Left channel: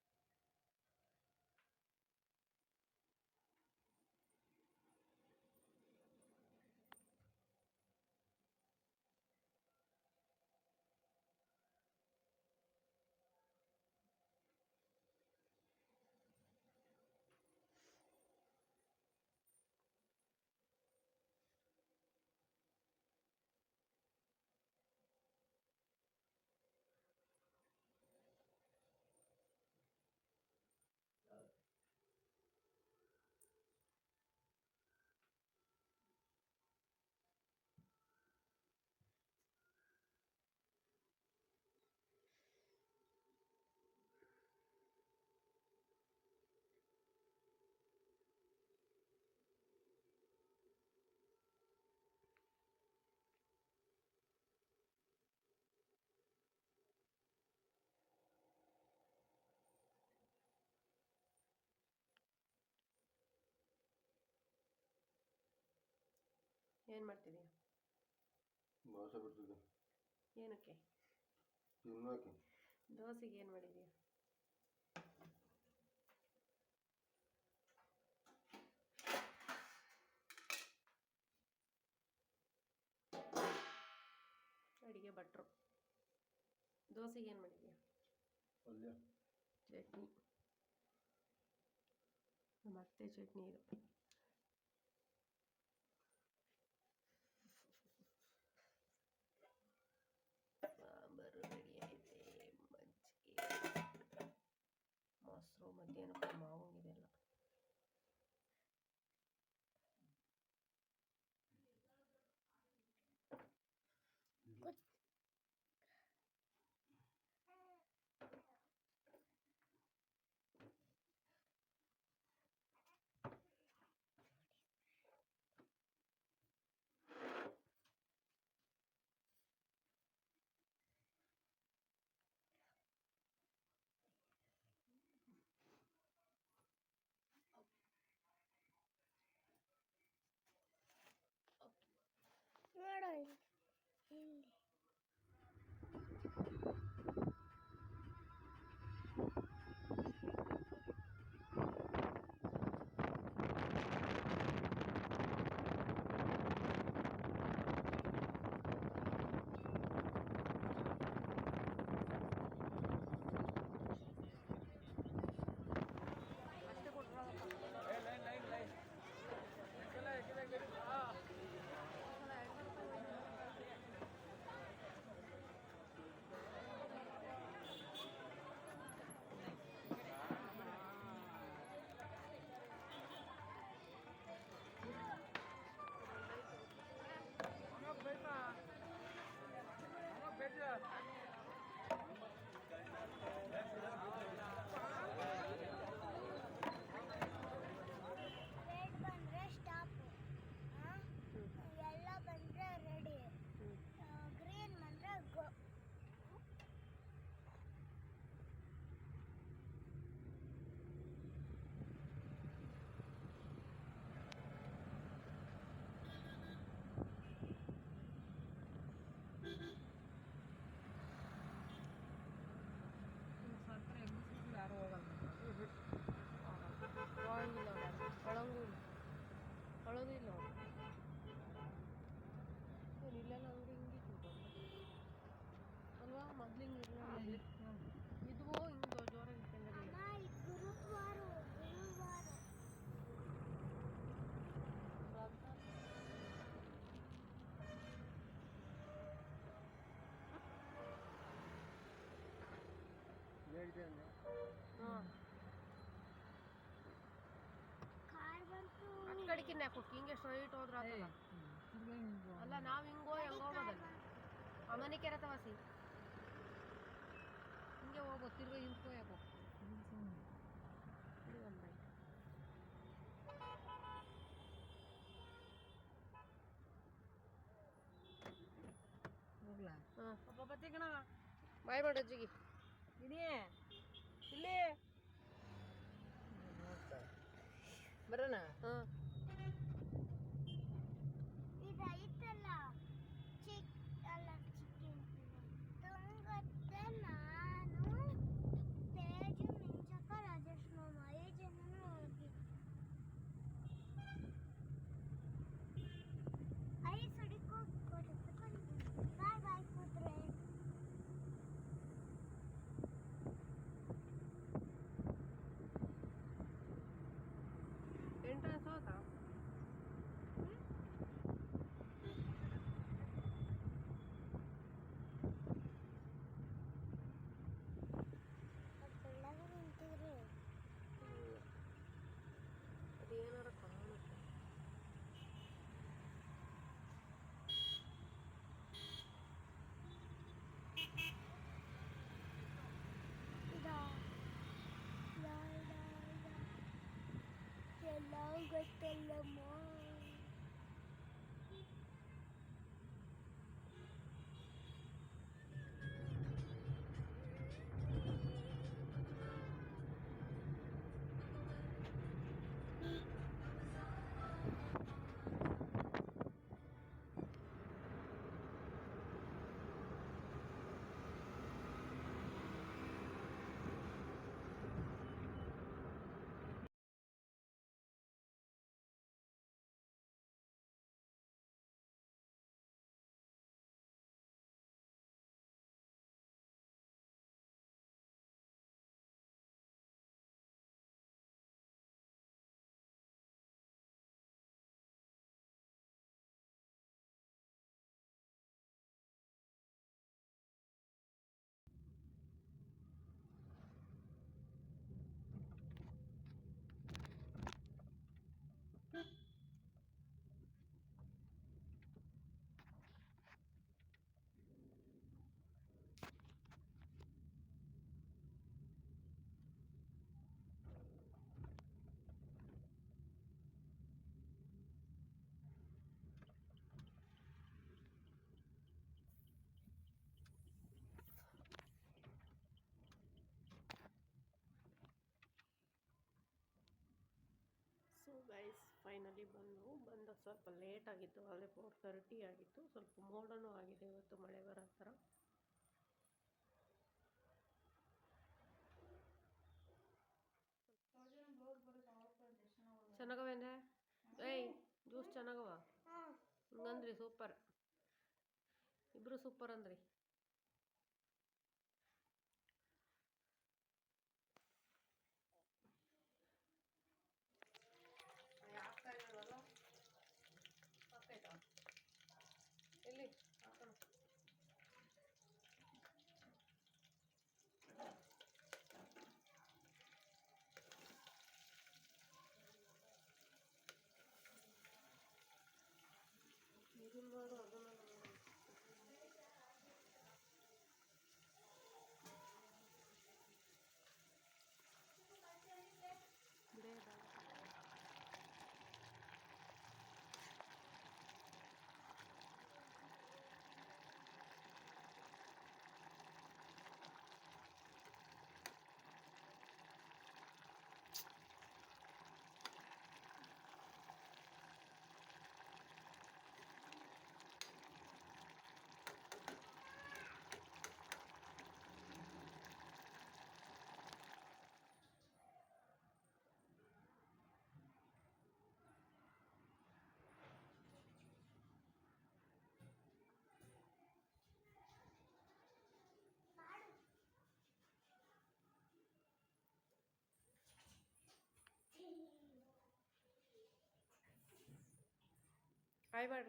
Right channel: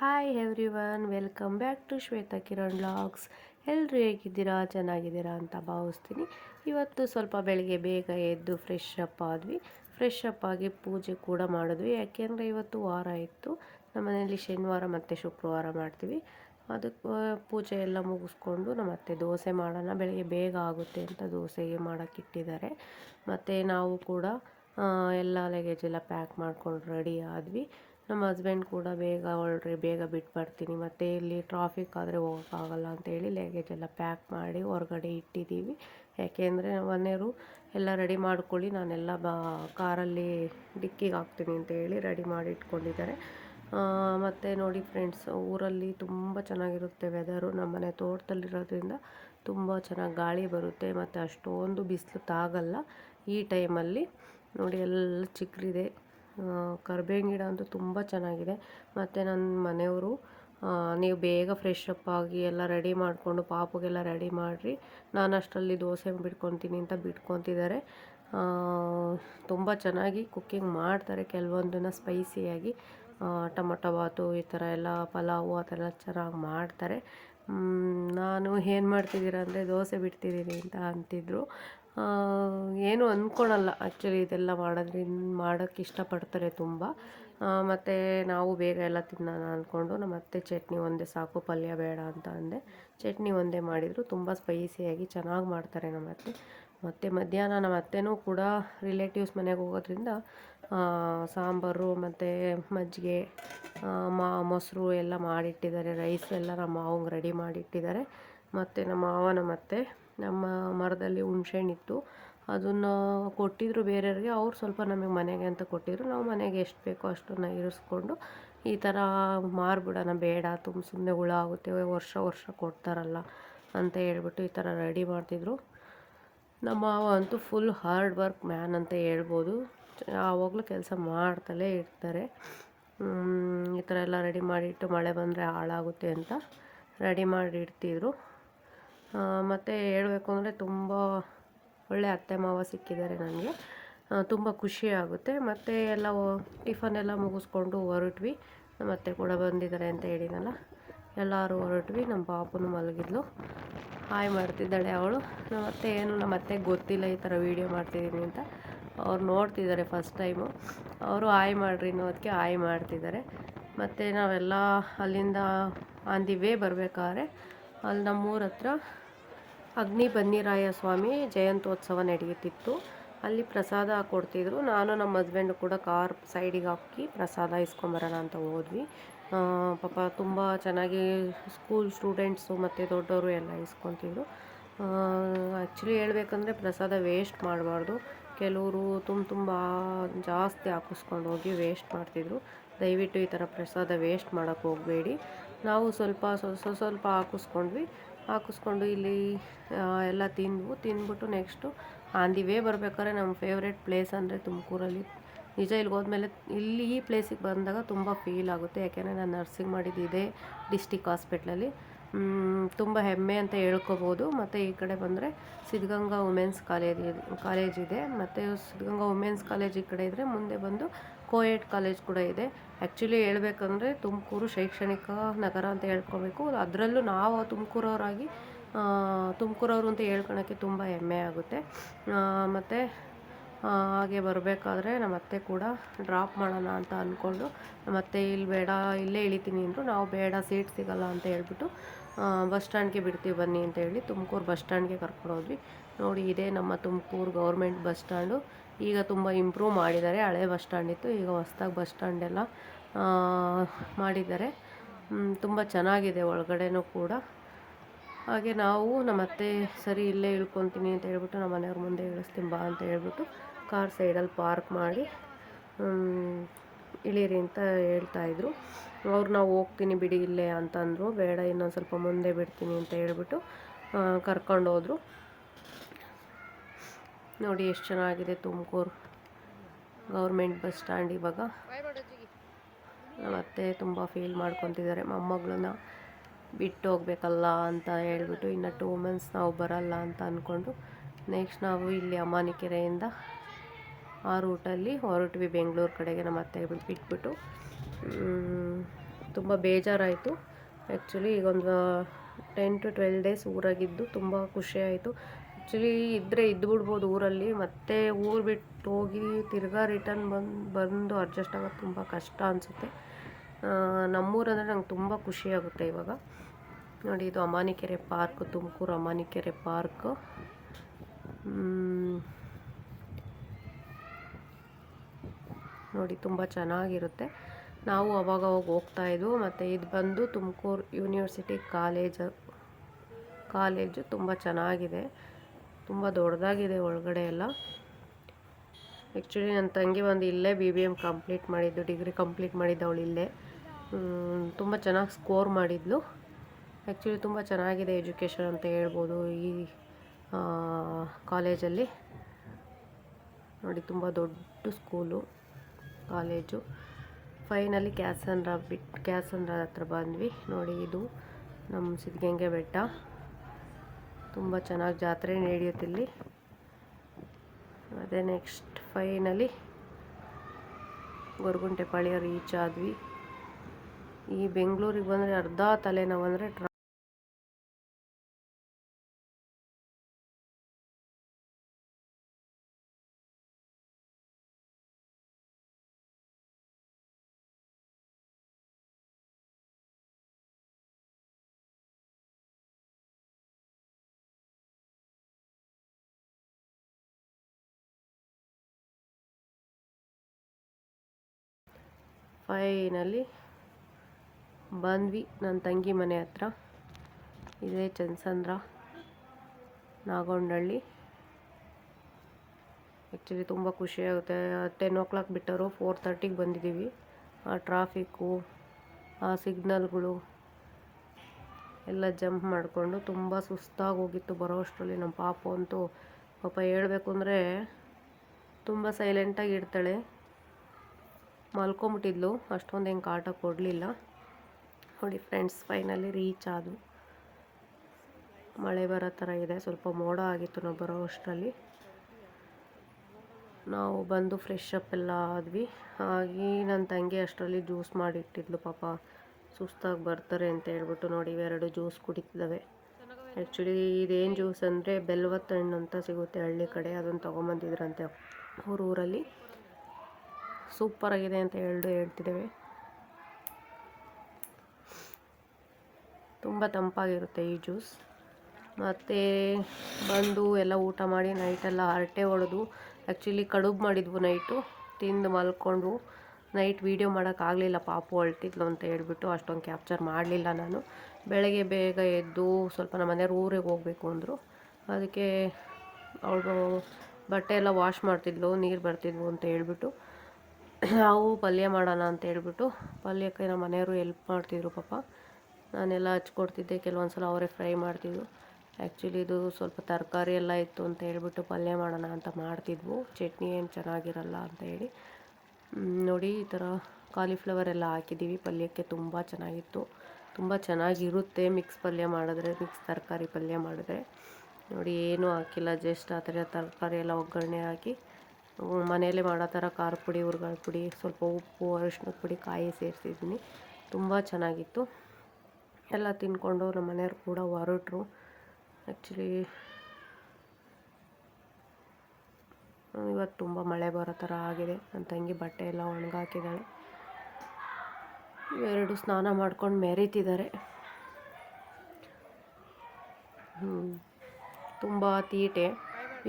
Hi everyone, welcome back to Shweta Kiran vlogs. ಎಲ್ಲರೂ ಹೇಗಿದ್ದೀರಾ? ಚೆನ್ನಾಗಿದ್ದೀರಾ ಅಂತ ಭಾವಿಸ್ತೀನಿ. ಇವತ್ತು ಸ್ವಲ್ಪ ಬೆಳಿಗ್ಗೆ ಬೇಗ ಎದ್ದು ಫ್ರೆಶ್ ಅಪ್ ಆದ್ವಿ. ಫ್ರೆಶ್ ಅಪ್ ಆಗಿ ಪೂಜೆ ಕೂಡ ಮಾಡಿದ್ವಿ. ಯಾಕೆಂದರೆ ಇವತ್ತು ವಾರ ಇತ್ತು. ನಮ್ಮನೆಯಲ್ಲಿ ಶನಿವಾರ ಮತ್ತು ಶುಕ್ರವಾರ ಮಾಡ್ತೀವಿ. ಅದಕ್ಕೆ ಪೂಜೆ ಎಲ್ಲ ಮುಗಿಸ್ಕೊಂಡು ಮತ್ತೆ ದೋಸೆ ಮಾಡೋಣ, ಬೆಳಿಗ್ಗೆ ಬೇಗ ಆಗುತ್ತೆ ಅಂತ ದೋಸೆಗೆ ಮಾಡೋಕ್ಕಿಟ್ಟಿದ್ದಾರೆ. ಮತ್ತು ನಾವು ಕೂಡ ಎಲ್ಲ ಲಗೇಜ್ ಎಲ್ಲ ಪ್ಯಾಕ್ ಮಾಡ್ಕೊಂಡು ರೆಡಿ ಆದ್ವಿ. ನಮ್ಮ ಹಸ್ಬೆಂಡ್ ಕೂಡ ಬೇಗ ಹೊರಡ್ರಿ, ಬೇಗ ಬಿಟ್ಟು ಬರ್ತೀನಿ, ಮತ್ತು ಇಲ್ಲಿ ಟ್ರಾಫಿಕ್ ಆದರೆ ಹೋಗೋಕ್ಕಾಗಲ್ಲ ಅಂತೇಳಿ ಲಗೇಜ್ ಎಲ್ಲ ಪ್ಯಾಕ್ ಮಾಡಿ ಹೊರಗಡೆ ಇಟ್ಟಿದ್ದೀವಿ. ಯಾಕೆಂದರೆ ಮನೆಯವರು ಎಲ್ಲ ರೆಡಿ ಮಾಡ್ಕೊಳ್ಳಿ, ನಾನೆಲ್ಲ ಕಾರಲ್ಲಿ ಡಿಕ್ಕಿಗೆ ಹಾಕ್ತೀನಿ ಅಂತೇಳಿ ರೆಡಿ ಮಾಡಿ ಇಟ್ಕೊಂಡಿದ್ದಾರೆ. ಮತ್ತು ನೋಡಿ ಫ್ರೆಂಡ್ಸ್, ಊರಲ್ಲಿ ತುಂಬ ಚೆನ್ನಾಗಿರುತ್ತೆ ವೆದರು. ನಮ್ಮನೆ ತೋಟದಲ್ಲಿರೋದ್ರಿಂದ ತುಂಬ ಚೆನ್ನಾಗಿ ಗಾಳಿ ಬರುತ್ತೆ, ಮತ್ತು ಅಷ್ಟೊಂದು ಬಿಸಿಲು ತಾಗಲ್ಲ ಈ ಟೈಮಲ್ಲಿ. ನೋಡಿ ಎಲ್ಲ ಚಿಕ್ಕರಿದೆ. ಕರ್ಬೇವಿನ ಗಿಡ ಅಂತೂ ತುಂಬ ಚೆನ್ನಾಗಿದೆ. ಮತ್ತು ನನ್ನ ಮನೆಯವರು ನೀವು ಬೇಗ ಫ್ರೆಶ್ ಅಪ್ ಆಗಿ ಎಲ್ಲ ರೆಡಿ ಮಾಡಿಕೊಂಡು ಪಾಪುಗೆಲ್ಲ ರೆಡಿ ಮಾಡಿರಿ, ನಾನು ಅಷ್ಟರಲ್ಲಿ ದೋಸೆ ಬಿಟ್ಕೊತೀನಿ ಅಂತ ಬಿಟ್ಕೊತಿದ್ದಾರೆ. ತುಂಬ ಚೆನ್ನಾಗಿ ಕುಕ್ಕಿಂಗ್ ಮಾಡ್ತಾರೆ. ಕೆಲವೊಂದನ್ನು ಸ್ಪೈಸಿಯಾಗಿ ಟೊಮಟೊ ಬಾತು ಈ ಥರ ಎಲ್ಲ, ಪಲಾವು ಆ ಥರ ಎಲ್ಲ ಚೆನ್ನಾಗಿ ಮಾಡ್ತಾರೆ. ನಾನು ಏನು ಮಾಡ್ತಿದ್ದೀರಾ ಅಂದರೆ ದೋಸೆ ಬಿಡ್ತಿದ್ದೀನಿ ಅಂತ ಅಂತಿದ್ರು. ಏನು ಅಂದ್ಕೊಳಲ್ಲ ಆ್ಯಕ್ಚುಲಿ, ಇದೆಲ್ಲ ಮಾಡೋಕ್ಕೆ ಇಷ್ಟಪಡ್ತಾರೆ ತುಂಬ. ಮತ್ತು ನಾವು ಬೇಗ ಎಲ್ಲ ತಿನ್ನೋಣ ಅಂದ್ಕೊಂಡು ನಮ್ಮ ಅತ್ತೆ ಚಟ್ನಿ ಒಂದೇ ಸಾಕು, ಪಲ್ಯ ಬೇಡ ಅಂತ ಅಂದೆ. ಚಟ್ನಿ ಒಂದೇ ಮಾಡಿದರು. ತುಂಬ ಸ್ಪೈಸಿಯಾಗಿ ಚೆನ್ನಾಗಿ ಮಾಡ್ತಾರೆ ನಮ್ಮ ಅತ್ತೆ. ಮತ್ತು ಮಧ್ಯಾಹ್ನ ನಮ್ಮ ಅತ್ತೆನೂ ಕೂಡ ರಿಲೇಟಿವ್ಸ್ ಮನೆಗೆ ಹೋಗೋದ್ರಿಂದ ಸಾಂಬಾರು ಮತ್ತು ಮಜ್ಜಿಗೆ, ಮೊಸರು ಎಲ್ಲ ಮಾಡಿಟ್ಟಿದ್ದಾರೆ. ರೈಸ್ ಎಲ್ಲ ನಮ್ಮ ಮಾವಂಗೆ ರೆಡಿ ಮಾಡಿಟ್ಟಿದ್ದಾರೆ. ಮತ್ತು ನಮ್ಮ ಮಾವ ನಮ್ಮ ಅತ್ತೆ, ನಮ್ಮ ಮರದಲ್ಲಿ ಹುಣ್ಸೆಹಣ್ಣಿತ್ತು, ಅದನ್ನು ಕೊಟ್ಟಿದ್ದರು ಬೇರೆಯವ್ರಿಗೆ. ಅವ್ರು ಸ್ವಲ್ಪ ನಮಗೆ ಮನೆಗೆ ಅಂತ ಕೊಟ್ಟಿದ್ರು. ನಾವು ಮನೆಗೆ ಎಷ್ಟು ಬೇಕೋ ಅಷ್ಟನ್ನು ಇರಿಸ್ಕೊಂಡು ಈ ಥರ ಮಾರ್ಬಿಡೋಣ, ಬೇಡ ತುಂಬ ಸುಮ್ಮನೆ ಹುಳ ಆಗುತ್ತೆ, ವರ್ಷ ವರ್ಷ ಕೊಡ್ತಾರಲ್ಲ ಅಂತ ಹೇಳ್ಬಿಟ್ಟು ಈ ಥರ ರೆಡಿ ಮಾಡ್ತಿದ್ರು. ನಮ್ಮ ಮಾವ ಅಂತೂ ಫುಲ್ ಹಾರ್ಡ್ ವರ್ಕ್ ಮ್ಯಾನ್ ಅಂತ ಹೇಳ್ಬೋದು. ಯಾವಾಗಲೂ ಕೆಲಸ ಮಾಡ್ತಲೇ ಇರ್ತಾರೆ. ಈ ಥರ ಎಲ್ಲ ರೆಡಿ ಮಾಡಿಟ್ಟು ಮಳೆ ಬಂದರೆ ಹಾಳಾಗುತ್ತೆ ಅಂತ ರೆಡಿ ಮಾಡಿ ಇಡ್ತಿದ್ರು. ಮತ್ತು ಹೇಳಬೇಕು ಅಂದರೆ ತುಂಬ ಒಳ್ಳೆ ಅತ್ತೆ ಮಾವ ಸಿಕ್ಕಿದ್ದಾರೆ ನನಗೆ. ತುಂಬ ಖುಷಿ ಆಗುತ್ತೆ. ಮತ್ತು ಎಲ್ಲ ಟಿಫನ್ ಎಲ್ಲ ಮುಗಿಸ್ಕೊಂಡು ಹೊರಟ್ವಿ. ನಮ್ಮ ಅತ್ತೆ ಕೂಡ ಬಂದಿದ್ದಾರೆ ಅಂತ ಹೇಳಿದಲ್ಲ, ಎಲ್ಲರೂ ಹೊರಟ್ವಿ. ನಮ್ಮ ಪಾಪನು ಮಲಗಿದ್ಲು, ಹಾಯ್ ಮಾಡ್ತಿದ್ದಾಳೆ ಅವಳು. ಮತ್ತು ಏನು ನಮ್ಮ ಅತ್ತೆಗೆ ಗೊತ್ತಿಲ್ಲ ಈ ಥರ ವೀಡಿಯೋ ಮಾಡ್ತಿದ್ದೀನಿ ಅಂತ. ಅವ್ರು ನೋಡ್ತಿದ್ದಾರೆ ಫಸ್ಟ್ ಟೈಮು. ಅವರು ಹಾಯ್ ಮಾಡಿರಿ ಅನ್ನೋದಕ್ಕೆ ಹಾಯ್ ಮಾಡ್ತಿದ್ದಾರೆ. ಮತ್ತು ನಾವೆಲ್ಲ ಅಲ್ಲಿಂದ ಆನ್ ದಿ ವೇ ಬರಬೇಕಾದ್ರೆ ಅಲ್ಲಿ ನಮ್ಮೂರ ಹತ್ರ ಅಗ್ನಿ ಬನ್ನಿರಾಯ ಸ್ವಾಮಿ ಜಯಂತ್ಯೋತ್ಸವ ನಡೆಯುತ್ತಿತ್ತು. ಅಲ್ಲಿ ಪ್ರಸಾದ ಕೊಡ್ತಿದ್ರು. ನಾನು ನಮ್ಮ ಹಸ್ಬೆಂಡು ಕೂಡ ಕಾರ್ ಸೈಡಿಗೆ ಹಾಕಿ ಪ್ರಸಾದ ಇಸ್ಕೊಂಬರೋಣ ಅಂತ ಹೋದ್ವಿ. ಪಾಪ ತುಂಬ ಚೆನ್ನಾಗಿ ಸ್ಕೂಲ್ ಸ್ಟೂಡೆಂಟ್ಸು ಮತ್ತು ದೊಡ್ಡವರು ಎಲ್ಲ ಇಸ್ಕೊತಿದ್ರು. ಆ್ಯಕ್ಚುಲಿ ಹೇಳ್ಬೇಕಂದ್ರೆ ಪ್ರಸಾದ ವೇಸ್ಟ್ ಮಾಡಬಾರ್ದು. ಕೆಲವರು ತುಂಬ ಜಾಸ್ತಿ ಹಾಕಿಸ್ಕೊಂಡು ಹೋಗಿ ವೇಸ್ಟ್ ಮಾಡ್ತಿದ್ರು. ದಯವಿಟ್ಟು ಈ ಥರ ಪ್ರಸಾದ ವೇಸ್ಟ್ ಮಾಡೋಕ್ಕೆ ಹೋಗಬೇಡಿ. ನಾವು ಸ್ವಲ್ಪ ಹಾಕಿಸ್ಕೊಂಡು ಇಲ್ಲಿ ಎಲ್ಲ ತಿಂದ್ಬಿಟ್ಟು ನೆಕ್ಸ್ಟು ಆನ್ ದಿ ವೇ ಬರ್ಬೇಕಾದ್ರೆ ನಮ್ಮ ಫೇವ್ರೆಟ್ ಪ್ಲೇಸ್ ಅಂದರೆ ತುಮಕೂರಲ್ಲಿ ನಿಜ ಇಲ್ಲಿಗೆ ಹೋದ್ಮೇಲೆ ಈ ಪ್ಲೇಸಿಗೆ ಬಂದಾಗ ತುಂಬ ಫೀಲ್ ಆಗುತ್ತೆ. ಯಾಕೆಂದರೆ ನಾನು ನರ್ಸಿಂಗ್ ಮಾಡಿದ್ದಿದೆ ಡಿಸ್ಟಿಕ್ ಹಾಸ್ಪಿಟ್ಲಲ್ಲಿ, ತುಂಬ ಹೆಮ್ಮೆ ಅಂತ ಹೇಳ್ಕೊಬೋದು. ಮತ್ತು ಈ ಕಡೆ ಬಂದರೆ ಸಿದ್ಧಗಂಗಾ ವುಮೆನ್ಸ್ ಕಾಲೇಜ್ ಇದೆ. ಮತ್ತು ಸಿದ್ಧಗಂಗಾ ವುಮೆನ್ಸ್ ಕಾಲೇಜ್ ಈ ಕಡೆ ಇದ್ದರೆ ಮುಂದೆ ಬಂದು ಕೋಯೆಡ್ ಕಾಲೇಜ್ ಕೂಡ ಇದೆ. ಆ್ಯಕ್ಚುಲಿ ಹೇಳ್ಬೇಕಂದ್ರೆ ತುಮಕೂರು ಶೈಕ್ಷಣಿಕ ನಗರ ಅಂತ ಹೇಳ್ಕೊಬೇಕು. ಅದರಲ್ಲೂ ನಾವು ತುಮಕೂರವರು ಅಂತ ಹೇಳ್ಕೊಳಕ್ಕೆ ತುಂಬ ಹೆಮ್ಮೆ ಆಗುತ್ತೆ. ಮತ್ತು ಹಾಗೆ ಬರಬೇಕಾದ್ರೆ ನಮ್ಮ ಅತ್ತೆ ಕೂಡ ಡ್ರಾಪ್ ಮಾಡೋಣ ಅಂತ ಅಂದ್ಕೊಂಡು, ನಮ್ಮ ಅತ್ತೆ ಇಲ್ಲೇ ಇಳಿತೀನಿ ಅಂದರು. ನಾವು ಬೇಡ, ಸೀಟ್ ಸಿಗಲ್ಲ ಅಂತ ಹೇಳ್ಬಿಟ್ಟು ಬಸ್ ಸ್ಟ್ಯಾಂಡ್ಗೆ ಬಿಡ್ತೀವಿ ಬನ್ನಿ ಅಂತ ಹೇಳಿ ತುಮಕೂರು ಬಸ್ ಸ್ಟ್ಯಾಂಡ್ಗೆ ಕರ್ಕೊಂಡು ಹೋದ್ವಿ. ನೋಡಿ, ಇದೇ ನಮ್ಮ ತುಮಕೂರು ಗೌರ್ಮೆಂಟ್ ಬಸ್ ಸ್ಟ್ಯಾಂಡು. ಈಗ ತುಂಬ ಇಂಪ್ರೂವ್ ಮಾಡಿದ್ದಾರೆ. ಹಳೆ ಬಸ್ ಸ್ಟ್ಯಾಂಡ್ ಇತ್ತು, ಈಗ ಹೊಸ್ದಾಗಿ ಬಸ್ ಸ್ಟ್ಯಾಂಡೆಲ್ಲ ಮಾಡಿದ್ದಾರೆ. ತುಂಬ ಚೆನ್ನಾಗಿದೆ ಒಳಗಡೆನೂ ಕೂಡ. ಹಾಗೆ ನಾವು ನಮ್ಮ ಅತ್ತೆ ಸರಿ ಇಲ್ಲೇ ಇಳ್ಕೊತೀನಿ ಅಂತ ಹೇಳ್ಬಿಟ್ಟು ನಮ್ಮ ಮನೆಯವ್ರ ಮುಂದೆ ಇಳಿಸ್ತೀನಿ ಬಾ ಅಂತ ಹೇಳ್ಬಿಟ್ಟು ಕಾರ್ ಸೈಡಲ್ಲಿ ಪಾರ್ಕ್ ಮಾಡಿ ಇಳೀರಿ ಅಂತ ಹೇಳ್ತಾಯಿದ್ರು. ಅವ್ರು ನಾವು ಹೋಗ್ತೀನಿ ಬಿಡಿ ಇಲ್ಲೇ ಅಂತಂದರು. ಬೇಡ, ಇನ್ನೊಂದು ಸ್ವಲ್ಪ ಮುಂದೆ ಬಿಡ್ತೀನಿ ಅಂತ ಹೇಳ್ಬಿಟ್ಟು ಕರ್ಕೊಂಡು ಹೋದರು. ನೋಡಿ ಎಷ್ಟು ಚೆನ್ನಾಗಿದೆ ತುಮಕೂರು ಗೌರ್ಮೆಂಟ್ ಬಸ್ ಸ್ಟ್ಯಾಂಡ್. ಇವಾಗ ಮತ್ತೆ ತುಂಬ ಫೀಲ್ ಮಾಡ್ಕೊತಿದ್ದಾರೆ. ಮೊಮ್ಮಗಳನ್ನ ಬಿಟ್ಟು ಹೋಗ್ಬೇಕಲ್ಲ ಅಂತ ಹೇಳ್ಬಿಟ್ಟು ಇನ್ನು 2 months ನಾವು ಬರಲ್ಲ ಅಂತ ಅಂದ್ಕೊಂಡು ನೆಕ್ಸ್ಟ್ ನಾವು ಇಲ್ಲಿ ಅಮಾನಿಕೆರೆಯಿಂದ ಆ ರೂಟಲ್ಲಿ ಹೊರಟ್ವಿ ಬೆಂಗಳೂರು ಕಡೆಗೆ. ನಮ್ಮ ಅತ್ತೆ ಬಿಟ್ಬಿಟ್ಟು ತುಂಬ ಬೇಜಾರಾಯಿತು. ಆ್ಯಕ್ಚುಲಿ ಈಗೊಂದು 10 to 12 ಡೇಸ್ ಊರಾಗಿದ್ದು ತುಂಬ ಖುಷಿಯಾಯಿತು. ಆ್ಯಕ್ಚುಲಿ ಇದ್ದರೆ ಇದ್ದುಬಿಡ್ಬೋದು ಊರಲ್ಲಿ, ಮತ್ತೆ ಊರು ಬಿಟ್ಟು ಹೋಗಿ ತಿರ್ಗಾ ರಿಟರ್ನ್ ಬಂದು ಅಡ್ಜಸ್ಟ್ ಆಗೋದು ತುಂಬ ಕಷ್ಟ ಅನಿಸುತ್ತೆ. ನಮ್ಮೂರಂದರೆ ನಂಗೆ ತುಂಬ ಖುಷಿಯಾಗುತ್ತೆ ಇವಾಗ. ನೋಡಿ, ಇದು ಅಮಾನಿಕೆರೆ ಪಾರ್ಕ್, ತುಮಕೂರು ಅಮಾನಿಕೆರೆ ಪಾರ್ಕ್. ನೋಡಿ, ತುಂಬ ಚೆನ್ನಾಗಿರುತ್ತೆ. ನಾವು ಅವಾಗ ಹೋಗ್ತಾಯಿದ್ವು. ಮತ್ತು ಇದು ಬಂದು ತುಮಕೂರು ಯೂನಿವರ್ಸಿಟಿ ಕಾಲೇಜು ತುಂಬ ಚೆನ್ನಾಗಿದೆ, ತುಂಬ ದೊಡ್ಡದಾಗಿದೆ ಒಳಗಡೆ ಎಲ್ಲ. ಆ್ಯಕ್ಚುಲಿ ನನ್ನ ತಂಗಿ ಒಂದು ಇಲ್ಲೇ BBM ಕಂಪ್ಲೀಟ್ ಮಾಡಿದ್ದು, ಡಿಗ್ರಿ ಕಂಪ್ಲೀಟ್ ಮಾಡಿದ್ದವಳು ಇಲ್ಲೇ. ತುಂಬ ಚೆನ್ನಾಗಿ ಸ್ಕೋರ್ ಮಾಡಿದ್ಲು. ಆ್ಯಕ್ಚುಲಿ ತುಂಬ ಚೆನ್ನಾಗಿದೆ ಎಜುಕೇಷನ್ ಅಂತ ಹೇಳ್ಬೋದು ಈ ಕಾಲೇಜಲ್ಲಿ. ನೋಡಿ, ತುಂಬ ದೊಡ್ಡ ಸ್ಕೂಲು, ಕಾಲೇಜು. ಫೈನಲಿ ಕ್ಯಾಸಂದ್ರ ಹತ್ರ ಬಂದ್ವಿ. ನೋಡಿ, ಇದು ನಮ್ಮ ಸಿದ್ಧಗಂಗೆ ಬೆಟ್ಟ. ತುಂಬ ಚೆನ್ನಾಗಿ ಜಾತ್ರೆ ನಡೆಯುತ್ತಿಲ್ಲಿ. ಅದೇ ನೆಕ್ಸ್ಟ್ ಫೈನಲಿ ಗೊರಗುಂಟೆಪಾಳ್ಯ ರೀಚ್ ಆದ್ವಿ. ಈ ಬೆಂಗಳೂರಿಗೆ ಬಂದರೆ ಅರ್ಧ ತಲೆನೋವು ಅಂದರೆ ಫೈನಲಿ ಬಂದ್ವಿ ನನ್ನ ತಂಗಿ ಮನೆ ಹತ್ರ. ಇದೇ ಚನ್ನಸಂದ್ರ, ನಾಗವನಹಳ್ಳಿ. ಆ್ಯಕ್ಚುಲಿ ತುಂಬ ಖುಷಿಯಾಗುತ್ತೆ. 10 o'clock ಬಿಟ್ಟರು, 4:30ಗೆ ಬಂದಿದ್ದೀವಿ. ಆ ಟ್ರಾಫಿಕ್ಕು, ಆ ಸಿಗ್ನಲ್ಗಳು ಎಲ್ಲ ಜಂಪ್ ಮಾಡಿಕೊಂಡು ತುಂಬ ಸುಸ್ತಾಗಿ ಹೋಗಿತ್ತು. ಬರೋ ಅಷ್ಟರಲ್ಲಿ ನಮ್ಮ ಪಾಪು ಅಂತೂ ಪಾಪ ಹೇಳಬೇಕು ಅಂದರೆ ತುಂಬ ಸೈಲೆಂಟಾಗಿ ಇರ್ತಾಳೆ. ಮಲ್ಕೊಂಬಿಟ್ಟಿದ್ಲು, ಅಷ್ಟೊಂದು ಹೆಂಗೆ ಕಾಟ ಕೊಡಲಿಲ್ಲ. ನೋಡಿ ಫ್ರೆಂಡ್ಸ್, ಫೈನಲಿ ರೀಚ್ ಆದವು. ಮಳೆ ಬರೋ ಥರ ಇದೆ, ಸ್ವಲ್ಪ ಮೋಡ ಆಗಿತ್ತು ನಾವು ಬರೋ ಅಷ್ಟರಲ್ಲಿ. ನಾವು ಬಂದು ಫ್ರೆಶ್ ಅಪ್ ಎಲ್ಲ ಆದ್ವಿ. ಹಾಗೆ ನನ್ನ ತಂಗಿ ಅಷ್ಟರಲ್ಲಿ ಜ್ಯೂಸ್ ಮಾಡಿಟ್ಟಿದ್ಲು. ಪಾಪ ಸುಸ್ತಾಗಿ ಬರ್ತಾರೆ ಅಂತ ಹೇಳ್ಬಿಟ್ಟು ನೋಡಿ, ಇವೆರಡು ಜ್ಯೂಸ್ ಕುಡಿತಿದ್ದಾವೆ. ಆ್ಯಕ್ಚುಲಿ ಇದೇನು ಜ್ಯೂಸ್ ಅಂದರೆ ಬೆಲ್ವತ್ತು ಹಣ್ಣು ಅಂತ ಸಿಗುತ್ತೆ ಹಳ್ಳಿ ಕಡೆ, ಅದನ್ನು ತೊಗೊಂಬಂದಿದ್ರಂತೆ ಅವ್ರ ಊರಲ್ಲಿ. ಸೂಪರಾಗಿದೆ ಅಂತ ಹೇಳ್ತಿದ್ದೇವೆ. ತುಂಬ ತಂಪಾಗಿರುತ್ತೆ ಈ ಜ್ಯೂಸ್. ಮತ್ತು ಬಂದು ಎಲ್ಲ ಊಟ ಮಾಡಿ ನೈಟೆಲ್ಲ ಹರಟೆ ಹೊಡೆದು, ಆ್ಯಕ್ಚುಲಿ ಕಡುಬು ಮಾಡಿದ್ವು ನೈಟು, ತಿಂದು ಮಲ್ಕೊಂಡ್ವು. ನೈಟ್ ವೀಡಿಯೋ ಮಾಡೋಕ್ಕಾಗಲಿಲ್ಲ, ಪಾಪು ಅಳ್ತಿದ್ಲು ಅಂತ ಹೇಳ್ಬಿಟ್ಟು ಅಷ್ಟೊಂದು ಕ್ಯಾಪ್ಚರ್ ಮಾಡಲಿಲ್ಲ ನಾನು. ಬೆಳಗ್ಗೆ ಬೇಗ ಎದ್ದು ಸ್ವಲ್ಪ ನಮ್ಮ ಮನೆಯವ್ರು ಊರಿಗೆ ಹೋಗಬೇಕು ಅಂದರು. ಅದಕ್ಕೆ ಅವಳು ಬಟ್ಟೆ ಎಲ್ಲ ವಾಶ್ ಮಾಡ್ತಿದ್ಲು, ನೀರು ಬರ್ತಿದ್ವು ಅಂತ ಹೇಳ್ಬಿಟ್ಟು ನಾವು ಪಲ್ಯ ಮಾಡೋಣ ಅಂತ ಹೇಳ್ಬಿಟ್ಟು ಪಲ್ಯಕ್ಕೆ ನಮ್ಮ ಮನೆಯವರು ಹೆಲ್ಪ್ ಮಾಡ್ತಿದ್ರು. ಪಾಪ ನಾನೆಲ್ಲ ಹಚ್ಕೊಡ್ತಿದ್ದೆ, ಕೆಲವೊಂದು ಸಲ ಅವರೇ ಫ್ರೈ ಮಾಡ್ತಿದ್ವು. ಆ್ಯಕ್ಚುಲಿ ಇದು ಸ್ವಲ್ಪ ತರಕಾರಿ ಎಲ್ಲ ಇತ್ತು ಅಂತ ಹೇಳ್ಬಿಟ್ಟು ಪಲ್ಯ ಮಾಡೋಣ ಅಂತ ಮಾಡ್ತಿದ್ವು. ಚಟ್ನಿ ಏನು ಚೆನ್ನಾಗಿರಲ್ಲ ಅಂತ ಹೇಳಿ ನೋಡಿ, ಈ ಥರ ಕಾಲಿಫ್ಲವರ್ ಎಲ್ಲ ಹಾಕಿದ್ದೀವಿ ಪಲ್ಯಕ್ಕೆ. ತುಂಬ ಚೆನ್ನಾಗಿತ್ತು, ತುಂಬ ಚೆನ್ನಾಗಿರುತ್ತೆ ಮಿಕ್ಸ್ ಪಲ್ಯ ಮಾಡಿದ್ರೆ, ಮಿಕ್ಸ್ ತರಕಾರಿ ಪಲ್ಯ ಮಾಡಿದ್ರೆ. ನೋಡಿ, ಏನೂ ಹಾಕಿಲ್ಲ, ಜಸ್ಟ್ ಆ ಥರ ತರಕಾರಿ ಎಲ್ಲ ಒಗ್ಗರಣೆ ಹಾಕಿ ಮನೆಯಲ್ಲೇ ಮಾಡೋ ಥರ ಖಾರ ಪುಡಿ, ಹುರ್ಗದ ಪುಡಿ, ಸ್ವಲ್ಪ ಉಪ್ಪು, ಅರಿಶಿಣದ ಪುಡಿ, ಕಾಯಿ ಸೇರಿಸಿದ್ದೀನಿ. ತುಂಬ ಚೆನ್ನಾಗಿತ್ತು. ಎಲ್ಲ ತಿಂದ್ಕೊಂಡು ನಮ್ಮ ಮನೆಯವ್ರು ಕೂಡ ಹೊರಟರು. ಆ್ಯಕ್ಚುಲಿ ಇವತ್ತು ತುಂಬ ಮಳೆ ಬರೋ ಥರ ಆಗಿದೆ. ನನ್ನ ತಂಗಿ ಬಟ್ಟೆ ಎಲ್ಲ ಒಣಗಾಕಿದ್ದಾಳೆ. ಇವೆರಡು ಸ್ನಾನ ಮಾಡ್ಕೊಂಡು ಮೆರೀತಿದ್ದಾರೆ. ತುಂಬ ತೀಟೆ,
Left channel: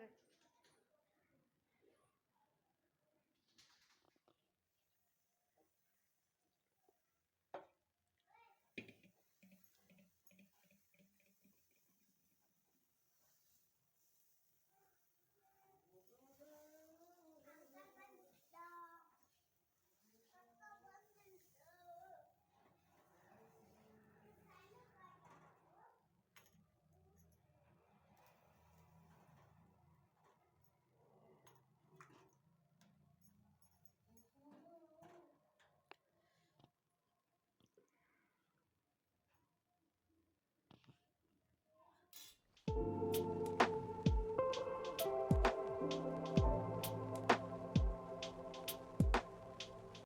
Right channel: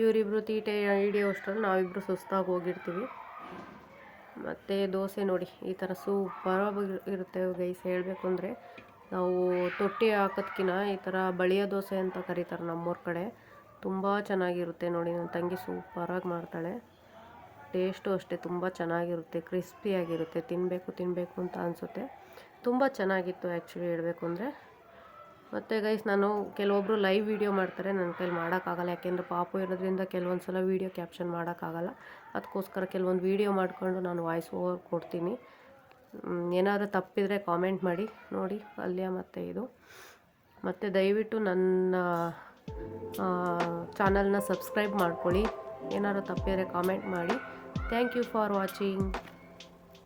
ಇವರಿಬ್ಬರು ತೀಟೆ ಹಿಡಿಯೋಷ್ಟರಲ್ಲಿ ನಾವಿಬ್ಬರು ಸುಸ್ತಾಗಿ ಹೋಗಿರ್ತೀವಿ. ಮತ್ತು ದೋಸೆ ನೋಡಿ, ಈ ಥರ ಸೂಪರಾಗಿ ಇರುತ್ತೆ ಗೈಸ್. ಹೇಳಬೇಕು ಅಂದರೆ ನಾವು ತೊಟ್ಟಿ ಹಾಕೋದ್ಕಿಂತ ಈ ಥರ ಬಳಿಯ ದೋಸೆ ಅಂತ ಕರೀತಾರೆ ನಮ್ಮೂರ ಕಡೆ. ತುಂಬ ಚೆನ್ನಾಗಿರುತ್ತೆ ನೋಡಿ. ನನ್ನ ತಂಗಿ ಸೂಪರಾಗಿ ಮಾಡ್ತಾಳೆ. ಟೇಸ್ಟು ಅಷ್ಟೇ ತುಂಬ ಚೆನ್ನಾಗಿರುತ್ತೆ, ಕ್ರಿಸ್ಪಿಯಾಗಿರುತ್ತೆ. ತಿನ್ನಬೇಕು ಅಂತ ಅನಿಸುತ್ತೆ. ತುಂಬ ಚೆನ್ನಾಗಿತ್ತು ಆ್ಯಕ್ಚುಲಿ ಹೇಳಬೇಕು ಅಂದರೆ. ಮತ್ತು ಗೈಸ್, ನಾನು ಕೆಲವೊಬ್ಬರು ಲೈವ್ ವೀಡಿಯೋ ಮಾಡ್ತಾರೆ, ನನ್ನ ಕೈಲಿ ಮಾಡೋಕ್ಕಾಗಲ್ಲ. ಯಾಕೆಂದರೆ ಪಾಪು ಇರೋದ್ರಿಂದ ಕೆಲವೊಂದು ಸಲ ವೀಡಿಯೋ ಕ್ಯಾಪ್ಷನ್ ಮಾಡೋಕ್ಕಾಗಲ್ಲ. ಅದಕ್ಕೋಸ್ಕರ ಕೆಲವೊಂದು ವೀಡಿಯೋ ಮಾಡಿಕೊಂಡು ನಾನು ವಾಯ್ಸ್ ಓವರ್ ಕೊಡ್ತೀನಿ. ಏನಾದರೂ ತಪ್ಪಿದರೆ ಕಾಮೆಂಟ್ ಮಾಡಿ. ನೋಡಿ ಪಲ್ಯ ಮತ್ತು ಇದು. ಮತ್ತು ದಯವಿಟ್ಟು ನನ್ನ ಚಾನಲ್ನ ಸಬ್ಸ್ಕ್ರೈಬ್ ಮಾಡ್ಕೊಳ್ಳಿ. ಏನಾದರೂ ತಪ್ಪಿದರೆ ಕಾಮೆಂಟ್ ಮಾಡಿ. Thank you for watching.